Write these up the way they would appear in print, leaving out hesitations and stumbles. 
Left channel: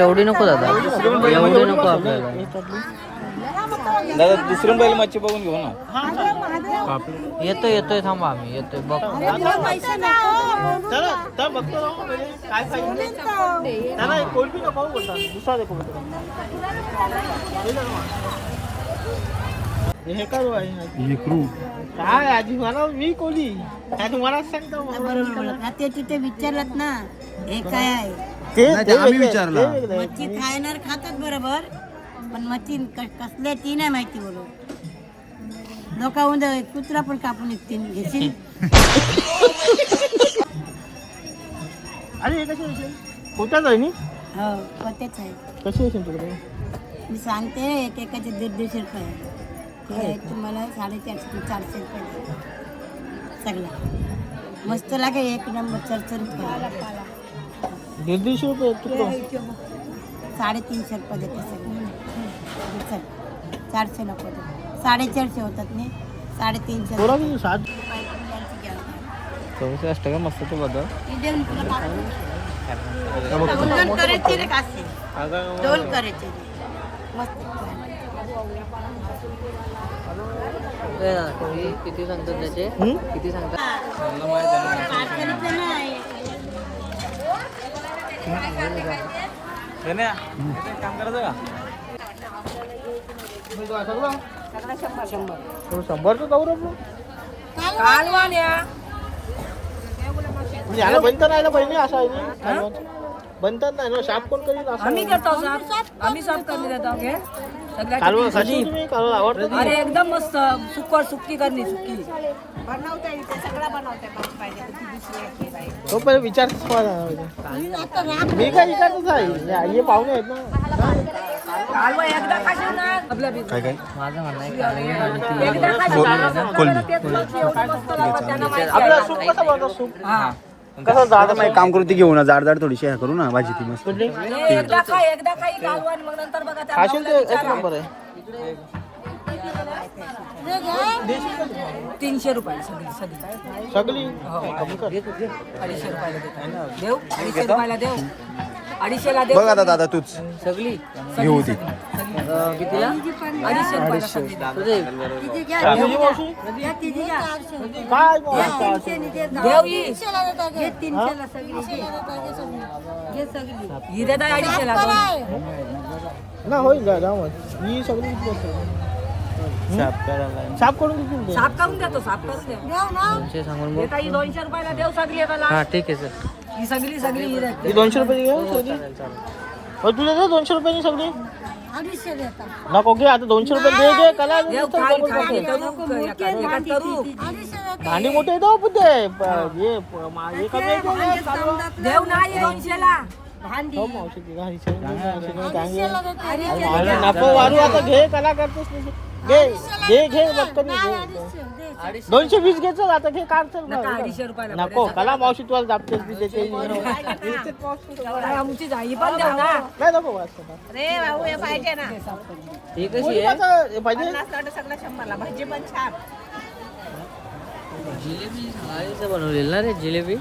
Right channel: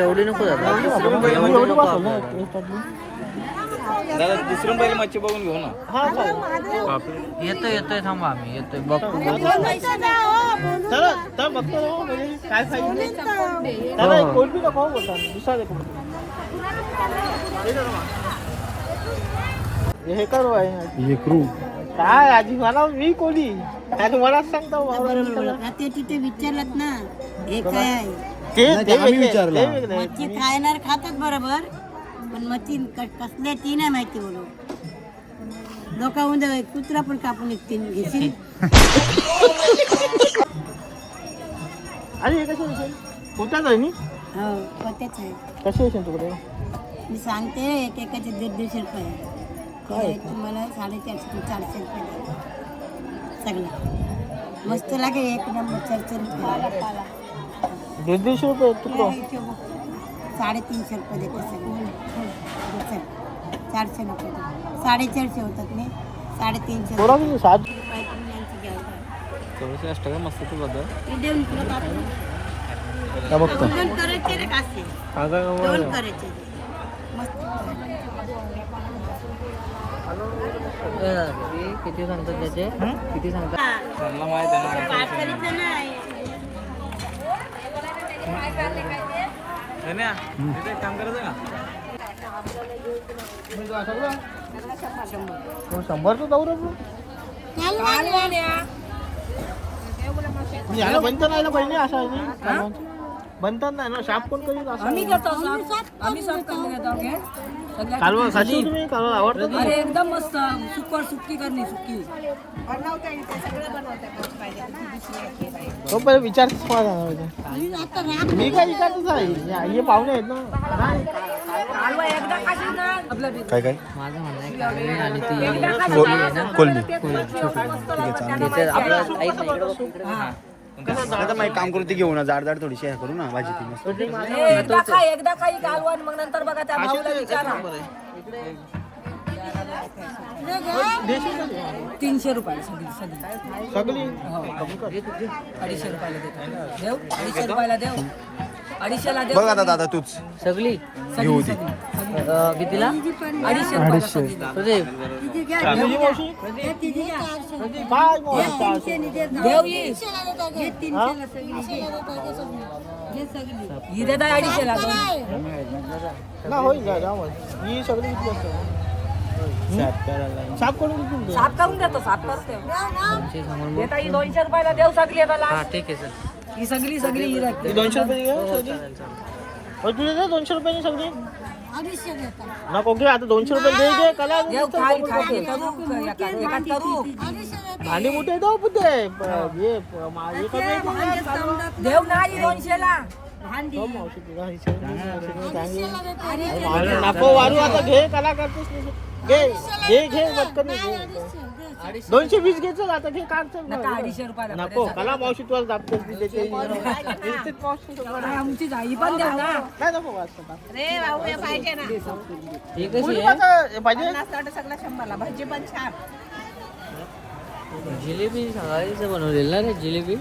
एवढी नको दादा, दुसरं बैल मच्छी बघून घेऊ ना. येतोय थांबा, आम्ही येतोय बघतो. काय आजी मला मी कोणी काय तुम्हाला सांगता ते तिथे विचारलं ना हे काय आहे मच्छी खायणार खातात बरोबर, पण मच्छी कसल्या ती नाही माहिती बोलू. लोक कुत्रा पण कापून घेशील. होताच आहे मी हो तेच आहे. कशी आहे तुमच्याकडे? मी सांगते एकेकाचे 150 रुपये ते तुम्हाला 450 400 रुपये सगळा मस्त लागे. एक नंबर 400 रुपये 150 रुपये 350 रुपये देते सगळं. 400 नको 450 होतात नाही 350 का मस्त ते बदल देऊन तुला दोन करायचे रे कासे, दोन करायचे मस्त. किती सांगतात त्याचे? किती सांगतात? त्यांना माहित आहे ना. काम करायचं का? 100चं जाऊ रे बनतं नाही ना पहिले असं बनतात नाही ना शाप कोण करीत असं. आम्ही करतो साफ, आम्ही साफ करून देतो. अरे एकदम मस्त सुक्की करणी सुक्की बनवता येते सगळं बनवता तो पहिले विचार मी काय विचारतच आहे हे पाहुणे आहेत ना. काय काय माझं म्हणणं आहे काळी आणि ती कोलमी. कसं आता मग काम करू ती घेऊ ना, जाड जाड थोडीशी हे करू ना भाजी ती मस्त. एकदा खाई कालवण, मग नंतर बघा त्या भाऊला विचारा. 300 रुपयाला सगळी सगळी हो 250 रुपयाला देतो. देऊ 250 रुपयाला देऊ, 250ला देऊ बघ आता दादा तूच सगळी घेऊ ती. किती ना 250 रुपयाला सगळी देऊ. ही देता 250ला दोन. ना होईल ही सगळी साफ करून देतील ते. साफ करून देतो, साफ करून देतो. सांगून देता ही 200 रुपयाला देऊ सगळी मला. हा ठीक आहे सर. ही सगळी ही ही राखते. 200 रुपये घेऊ सगळी. चालेल चालेल. हो तुझे 200 रुपयाची सगळी नको घे आता 200 रुपये दे कला देऊ खाई खाई करू एकात करू भांडी मोठे येतो पुढे हे कमी देऊ नाही 200ला. नको वाढू आता घे कला करतोस घे घे घे 220 घे चल आता घे काढ चल. नका 250 रुपयाला नको कला मावशी तुला दाबतेस आमची जाई पण देऊ ना. काय नको रे भाऊ हे पाहिजे ना ही कशी आहे? पाहिजे सगळं 100ला भाजी पण छान. जिलेबी सांगायचं बनवलेलं ना रे जिलेबी.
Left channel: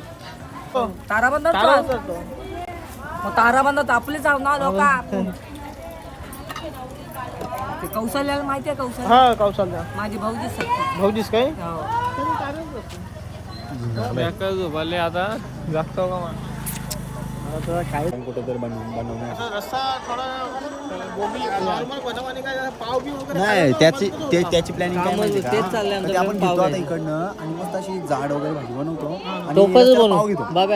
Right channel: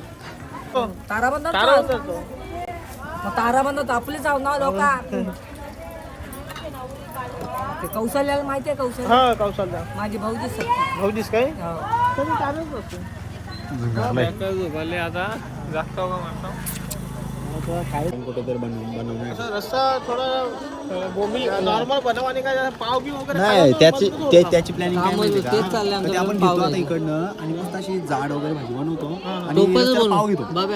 ताराबंदर मग ताराबंदर आपले जाऊ ना लोक. ते कौशल्याला माहिती आहे कौशल्य हा कौशल्य माझी भाऊजी सक्ती. भाऊजीस काय हो. तरी चालत असतो आता जास्त काय कुठेतरी बनवण्याचा रस्ता थोडा नॉर्मल बनव आणि काय पाव बी वगैरे नाही त्याची प्लॅनिंग काय माहिती का? तेच चाललंय कधी आपण घेतो आता इकडनं आणि मस्त अशी जाड वगैरे भाजी बनवतो आणि टोपच रस्त्यावर पाव बनवू घेतो. बाबा.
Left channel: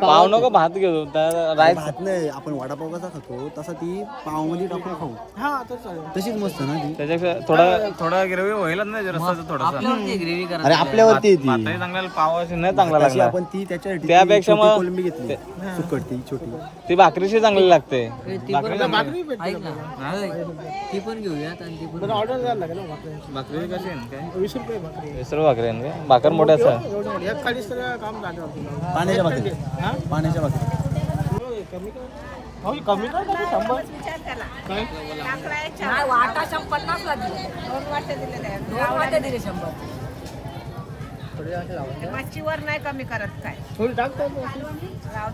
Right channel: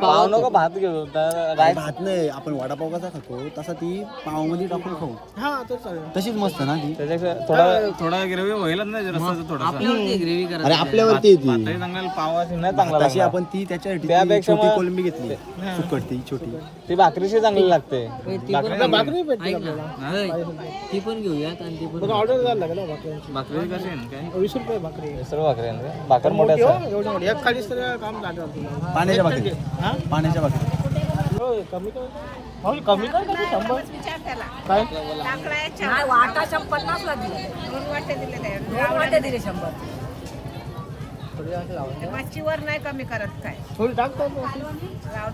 पाव नको भात घेऊ. आणि भात नाही आपण वडापाव कसा खातो तसा ती पाव मध्ये टाकून खाऊ हा तर चालेल. तशीच मस्त ना ती. त्याच्यापेक्षा थोडा ग्रेव्ही होईलच नाही रस्त्याचं थोडंसं. आपल्यावरती ग्रेव्ही करा. अरे आपल्यावरती येते भाताची चांगला पाव असेल नाही चांगला तशी लागणार. आपण ती त्याच्यासाठी त्यापेक्षा छोटी मग- कोलंबी घेतली सुकट ती छोटी. ती भाकरीशी चांगली लागते. ती पण भाकरी भेटते ऐक ना ती पण घेऊयात आणि ती पण ऑर्डर द्यायला लागेल ना भाकरी. भाकरी कशी आहे काय 20 रुपये भाकरी सर्व भाकरी आहे ना? भाकर मोठा मोठी असं हो, एवढी मोठी. एक खाली सगळं काम झालं आपलं. पाण्याच्या भाकरी हा? पाण्याच्या भाकरी कमी कर कमी कर 100 काय नाही वाटा 50 ला दिले 2 वाटे दिले 100. मच्छीवर नाही कमी करत काय थोडी टाकतो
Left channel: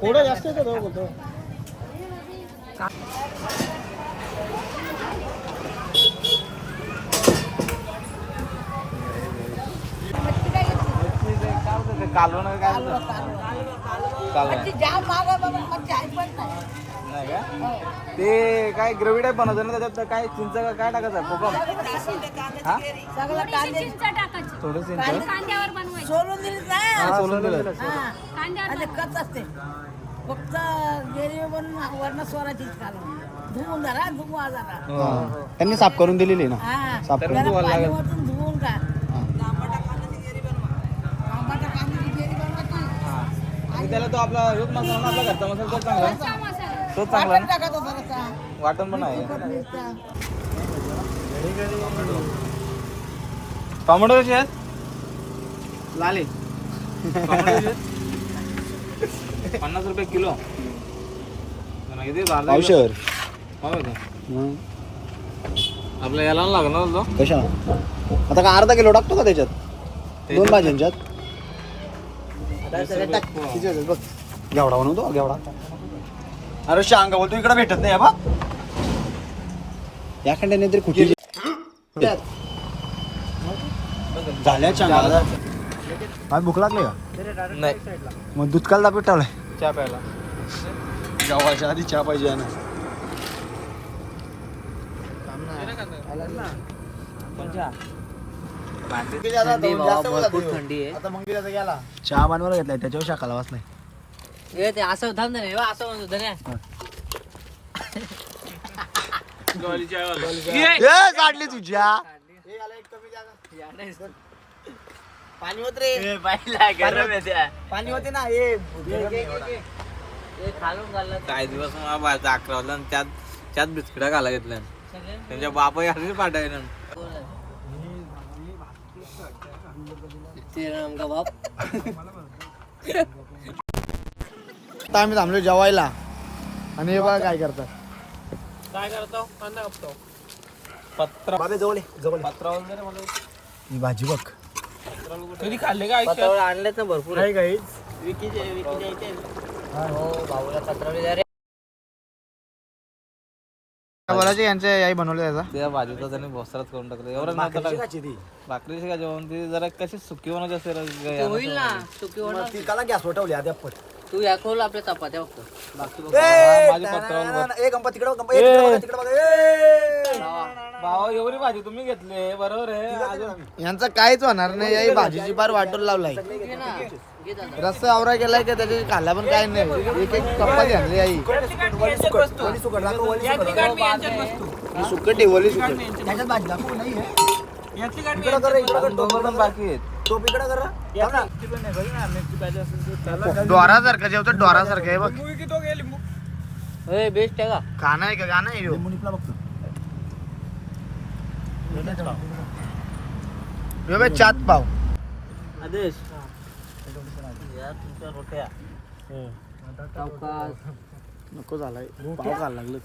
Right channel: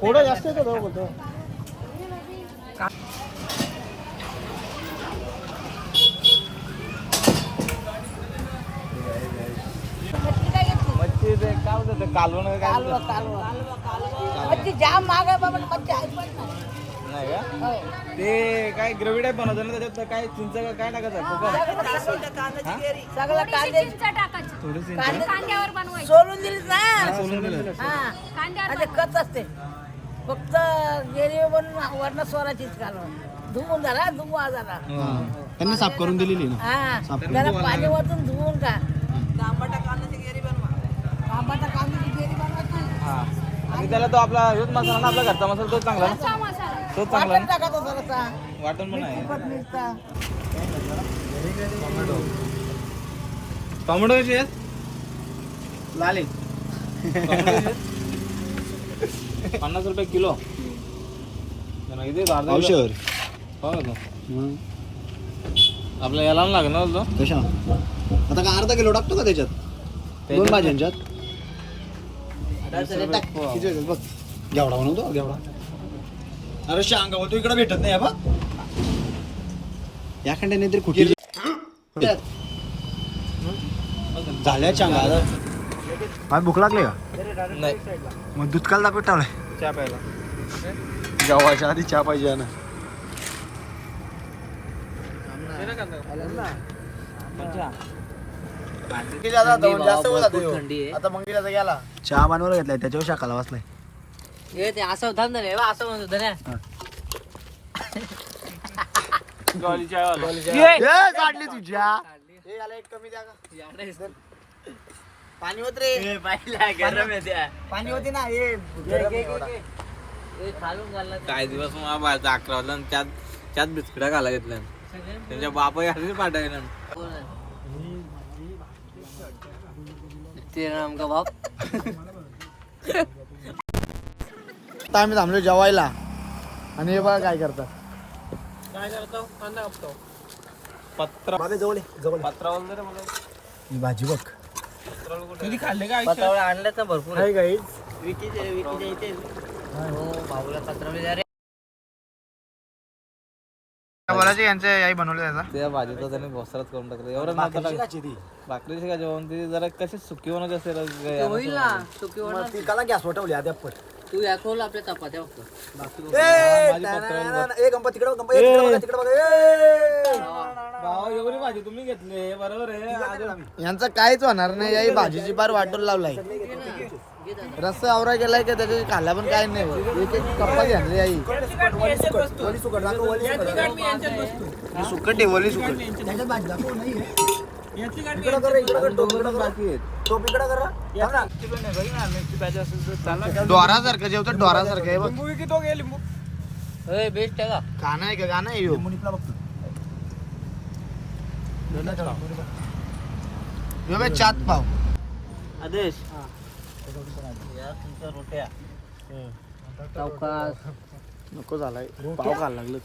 थोडं जास्त येतं तो बोलतो. कालवण काय जाम महाग आहे बाबा मच्छी आहे पण नाही का ते काय ग्रेव्ही टाईप बनवतं ना त्याच्यात काय चिंच का काय टाकायचं कोकम सगळं कांदे थोडं चिंच सोलून दिले ना सोलून दिलं आणि कच असते फक्त गिरवी बनून वरण स्वराचीच कालवण धुवून जरा धुवा जरा त्यांनी साफ करून दिलेली ना हा साफ करून त्याला पाणी वरतून धुवून काढ तांबटा कांद्याची गिरी बनवा आणि त्याला तो आपला हेच मसाला ना आपला घरचा मसाला तोच चांगला ना? तोच चांगला ना? टाका तो जरासा. वाटण पण आहे नुसता. टोमॅटो कशी आहेत लाले टोमॅटो कशी आहेत 50 रुपये किलो किती अर्धा किलो? पावशेर हो का? मग आपल्या याला लागणार तो कशा आता का अर्धा किलो टाकतो का त्याच्यात 2 भाज्यांच्यात किती होतात बघ घेवडा बनवतो घेवडा अरे शांगा बोलतो इकडे भेटत नाही बा याकडे नाही तरी कुठे झाल्या शांगा आज भूक लागली का नाही मग दूध काल दाखवत ठेवलाय चहा प्यायला जेवायच्या आधी चहा पाहिजे ना भरपूर थंडी आहे. आता मंदिराचा गेला चहा बनवायला घेतलाय त्याच्यावर शाकाला वाचलाय हे ते असं थांब ना रे, बा, असं म्हणत होतं ना. काढली तुझ्या पाणी होत रे पाणी होते ना हे हे खालून घाललं काय दिवस मग बाहेरचा 11 वाजला आणि त्यात बिस्किटा घाला घेतल्या त्यांच्या बापा यासाठी पाठवले ते आमका बाप आता आम्ही थांबलो जेवायला आणि हे बघा काय करतात काय करतो कांदा कापतो बाबे जवळ जवळ पत्रावून जरा मला ही भाजी बघ कधी खाल्ले का पत्रावळ आणले तर भरपूर काय काय भाऊला पत्रावळी द्या रे. बोलायचे यांचं आई बनवलं त्याचा त्या भाजीचा त्याने भोसराच करून टाकलं एवढं नव्हतं टाकलं भाकरीची का जेवण ती जरा कशी सुकी बनवायची असेल ते होईल ना सुकी होणार. ती काला गॅसवर ठेवली आधी आपण तू या खोल आपल्या चपात्या बघतो बाकी बघ. ए गंपा तिकडे बघ, ए, तिकडे बघा, तिकडे बघा, ए. भावा एवढी भाजी तुम्ही घेतली बरोबर आहे अजून यांचं काहीच होणार नाही आई भाजीची पार वाटून लावलाय घे ना, घे दादा. रस्सा आवरा गेलाय का त्याच्या खाल्ला पण काय नाही एक कप्पा आणली आई वली सुकट दाखव, वली सुकट. सुकट ठेवली सुकट इकडं कर रे, इकडं कर, टोप इकडं कर. बाकी आहेत टोप इकडं कर रे. थांब ना. डोरासारखं जेवतं डोरासारखं आहे बघ हे बेस्ट आहे का गाणं आहे का गाणं आहे ह्यो? मुनीपला बघतो. ह्यो बघ चात पाव आदेश सावकाश नको झालाय पाव खायला लागलं